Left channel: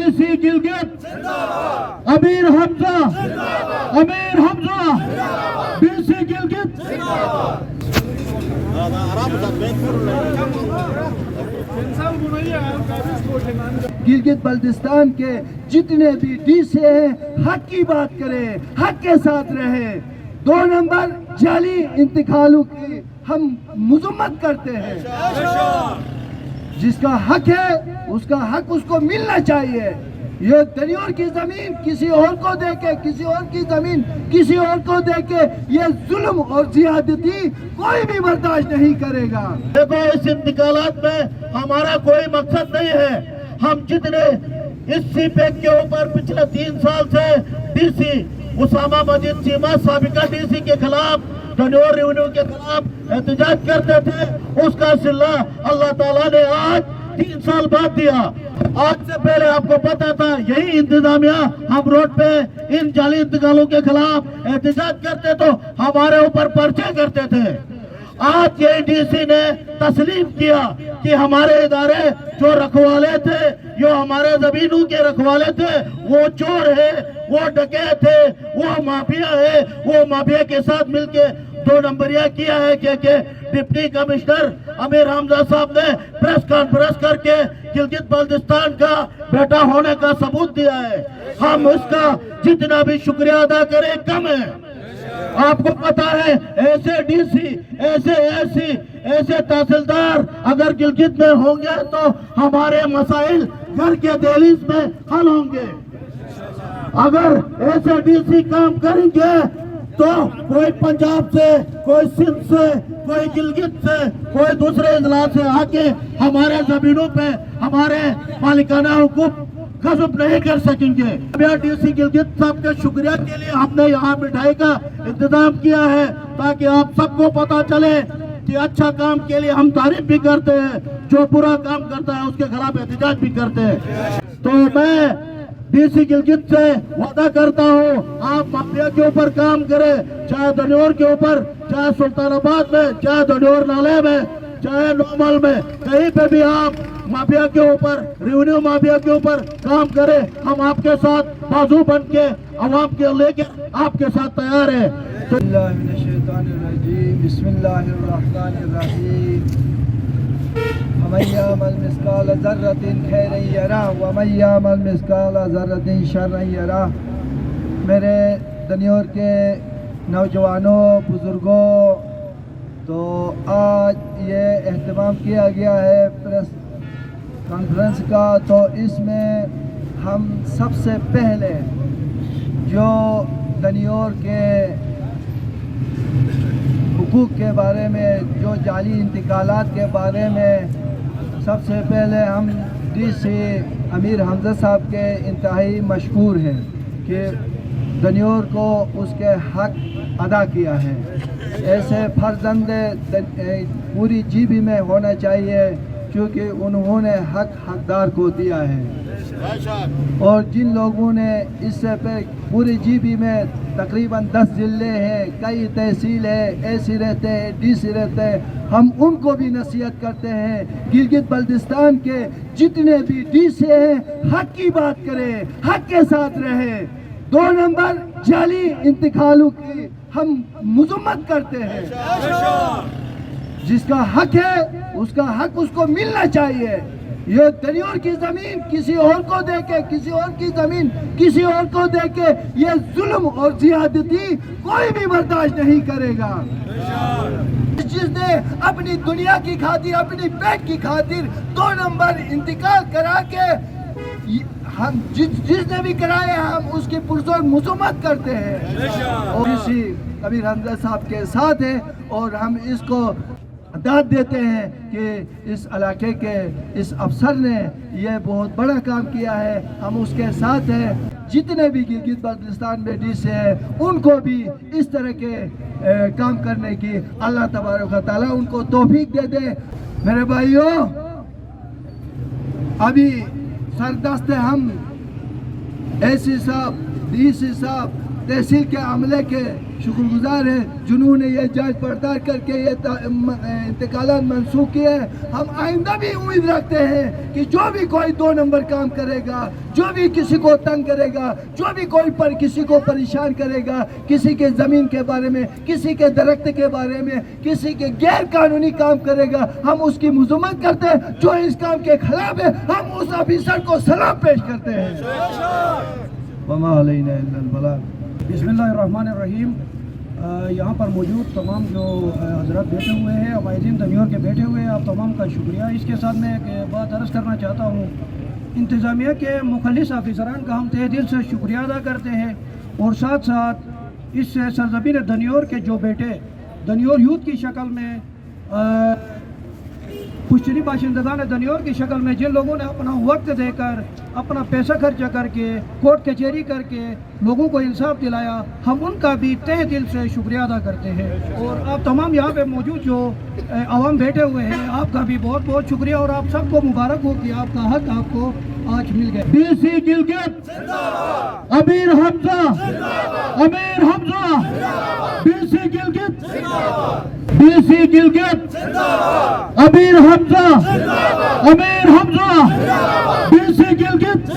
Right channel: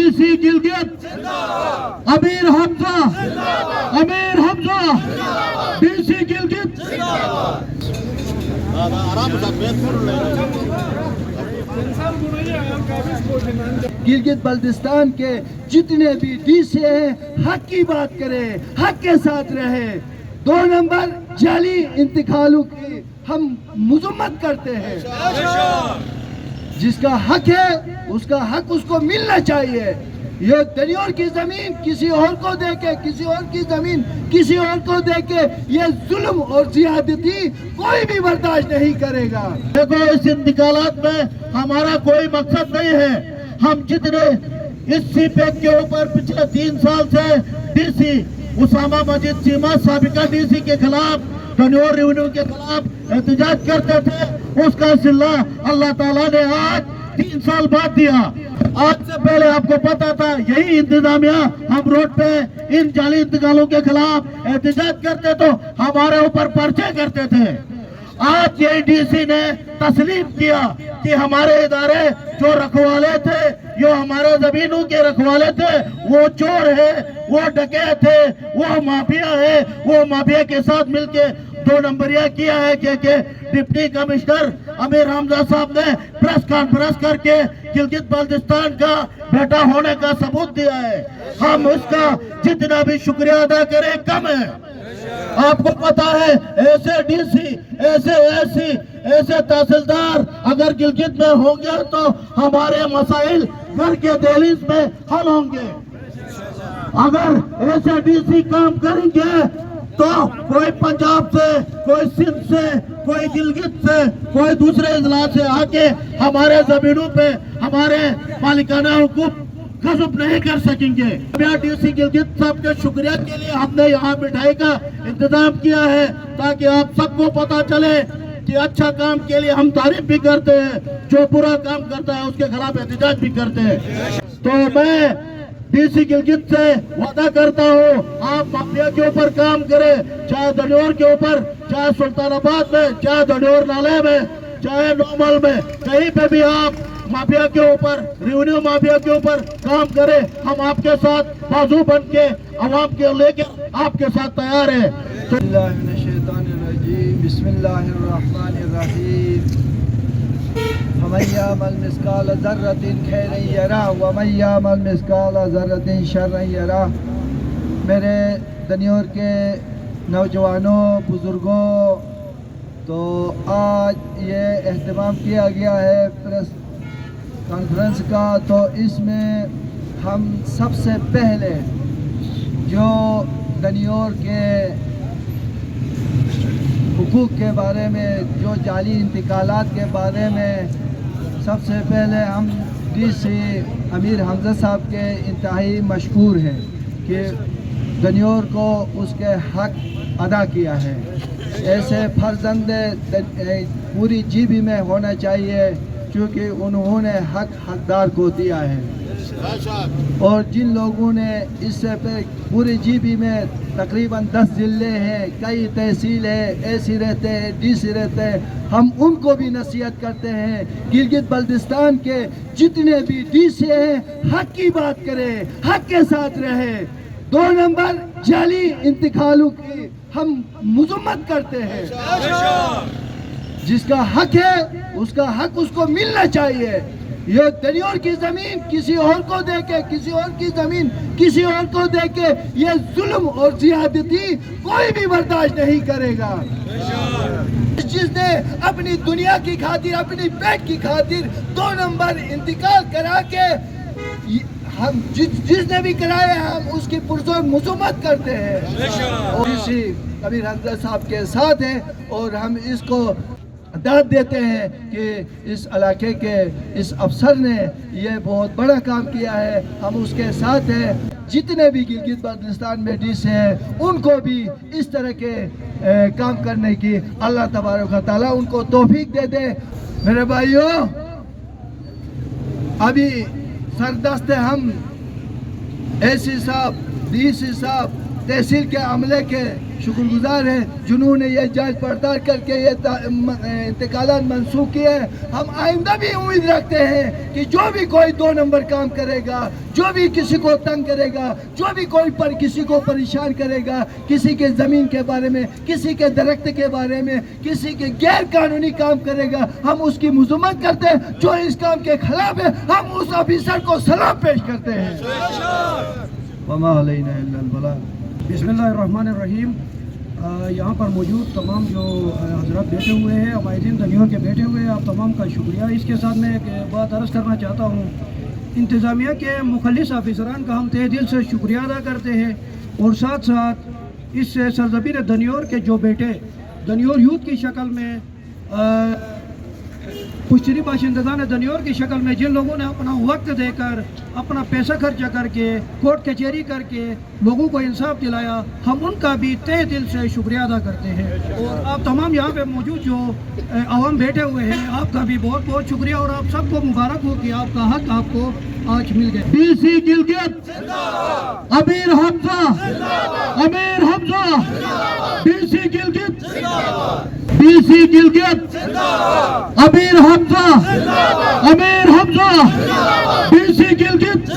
DC Gilgit Amir Hamza DC Gilgit Gilgit Baltistan के जितने भी डीसी हैं हक की बात करें, हक के साथ रहे। 2 नंबर जाली इंतकालों की हम मजम्मत करते हैं। जिसका हक है उसका हक उसको मिलना चाहिए। ये दनियोर की जमीन किसी और को देके, किसी और की जमीन किसी और को देके ये जुल्म और जियादती कोई भी बर्दाश्त नहीं करेगा। देखो, इस इंतकालात में हमारा कोई मकसद नहीं है। हम जितने इस सीपैक के ऊपर पिछले 3 साल से डीसी उसामा मजिद चीमा साबिका डीसी के खिलाफ, दनियोर रेवेन्यू के खिलाफ एहतजाज करते थे, उसका सिला अल्लाह ताला ने आज 3 साल बाद दिया। आज से पहले आपको पता था यही इंतजामिया हम रोड पे इन जाली इंतकालों के खिलाफ एहतजाज करते तो हमारे ऊपर पर्चे करते थे। आज ये डीसी ने तस्लीम किया कि हमारे इदारे जो रखवाले थे, जो हमारे जमीनों के रखवाले थे, वो चोर है, वो डकैत है, वो माफिया है। वो माफिया के साथ मिलके 2 नंबरिया किया है कि डिप्टी कमिश्नर अमीर हमजा साहब ने प्रेस कॉन्फ्रेंस करके गिलगित बल्तिस्तान का बेटा होने का सबूत दिया है। हम उसका जितना भी शुक्रिया अदा करें कम है। आपको पता है ऐसे डीसी, ऐसे एसी, ऐसे तहसीलदार अगर गिलगित में होंगे तो हमारे मसाइल घर के दहलीज में हल होंगे। अगर ऐसे डीसी काम करेंगे तो कोई पंजाब से, कोई सिंध से, कोई गिलगित से, कोई दूसरे इजला से आके हमारे जमीनों पे हमारे मालिकाना हुकूक गजब नहीं कर सकेंगे। डीसी गिलगित साहब के शुक्रिया के लिए हमने यहाँ मिठाई का इंतजाम किया है ताकि आप सबको पता चले कि अच्छा काम के लिए हम तारीफ भी करते हैं, जो बुरा काम करता है उसके खिलाफ एहतजाज भी करते हैं। तो मैं डीसी गिलगित से वादा करता हूँ, आप माफिया के ऊपर काम करें, चाहे दनियोर के ऊपर, चाहे सुल्तानाबाद में, चाहे दनियोर नाले में, चाहे नोमल में, कहीं पे भी आप माफिया के ऊपर, रेवेन्यू माफिया के ऊपर काम करें। हम आपके साथ बाजू बन के अवाम के लेकर आपके साथ तैयार है। वमन मिस्काल ज़र्रतिन खैरन यरा वमन मिस्काल ज़र्रतिन शर्रन यरा। मेरे दनियोर के नौजवानों, बुजुर्गों, तो आज ये एहतमाम किया गया है प्रेस कॉन्फ्रेंस का। तो इसमें हम सबसे पहले जो दनियोर के हुकूक के बारे में, जो जाली इंतकालात के बारे में, सबसे पहले हम डीसी अमीर हमजा साहब के इंतहाई मशकूर हैं कि दनियोर को उसके हक अदा किया है। ऐसे फर्जंद पूरी जीबी में होना चाहिए क्योंकि उन्होंने हकदार को दिया है। और जिन लोगों ने इससे पूरी जीबी में तकरीबन 10 जिले हैं, कई तहसील है, एसी रहते हैं, डीसी रहते हैं, हम उनको भी नसीहत करते हैं गिलगित बल्तिस्तान के जितने भी डीसी हैं हक की बात करें, हक के साथ रहे। 2 नंबर जाली इंतकालों की हम मजम्मत करते हैं। जिसका हक है उसका हक उसको मिलना चाहिए। ये दनियोर की जमीन किसी और को देके, किसी और की जमीन किसी और को देके ये जुल्म और जियादती कोई भी बर्दाश्त नहीं करेगा। जिसने अपनी दुनिया की खातिर, अपनी पेट की खातिर 2 नंबर इंतकाल करा के, हम जिसने भी कराए हम उसकी पुरजोर मजम्मत करते हैं और इसी अमीर हमजा साहब के साथ हैं। और हम इसको दाद देते हैं कि इस इलाके के इस अफसर ने ये बहुत बड़ा काम किया है, हम उसके साथ हैं। जितने भी गिलगित बल्तिस्तान में डीसी हैं उनको भी इस तरह के काम करने की अल्लाह तबारक व तआला उनको तौफीक दे दे। मेरे भाइयों, अभी सरदस्त हम एसी साहब, डीसी साहब, तहसील के अमले के शुक्रगुजार हैं जिन्होंने ये जांच पड़ताल करके ये इंतकालात मंसूख किए हैं। हम आइंदा भी उम्मीद रखते हैं कि जो भी कोई 2 नंबर काम करेगा, जो भी किसी को तंग करेगा, जो भी कोई किसी को परेशान करेगा, किसी के ज़मीन के बारे में, किसी के दरख्त के बारे में, किसी के गैर कानूनी काम करेगा, हम उसकी मजम्मत करते हैं। जो इस काम के खिलाफ है हम उस ऑफिसर को सलाम पेश करते हैं। वमा अलैना इल्लल बलाग। बिस्मिल्लाहिर्रहमानिर्रहीम। यहाँ पर मौजूद तमाम जो हजरत बैठे हुए हैं, अबाइदीन तनियोर के बैठे हुए हैं, आप तमाम का शुक्रिया। इसके साथ मैं एक बात अर्ज़ करना चाहता हूँ, इंतज़ामिया के मुखलिस ऑफिसरान का हम तहे दिल से शुक्रिया अदा करते हैं और साथ साथ इस सरज़मीन दनियोर के जो बेटे दनियोर यूथ की शक्ल में पुश्तरी बाशिंदगान दनियोर की शक्ल में जिन लोगों ने अपना वक्त देकर अपना पैसा खर्चा करके कोर्ट कचहरी करके लोगों को इंसाफ दिलाया, हम उनका भी तहे दिल से शुक्रिया अदा करते हैं। और आप तमाम यहाँ पे मौजूद जो अवाम बैठे हुए हैं, आपका भी बहुत बहुत शुक्रिया और आप सबको मुबारक हो कि आपका हक आपको आज मिल गया। DC Gilgit Amir Hamza, Amir Hamza, DC Gilgit, DC Gilgit Amir Hamza, Amir Hamza, DC Gilgit.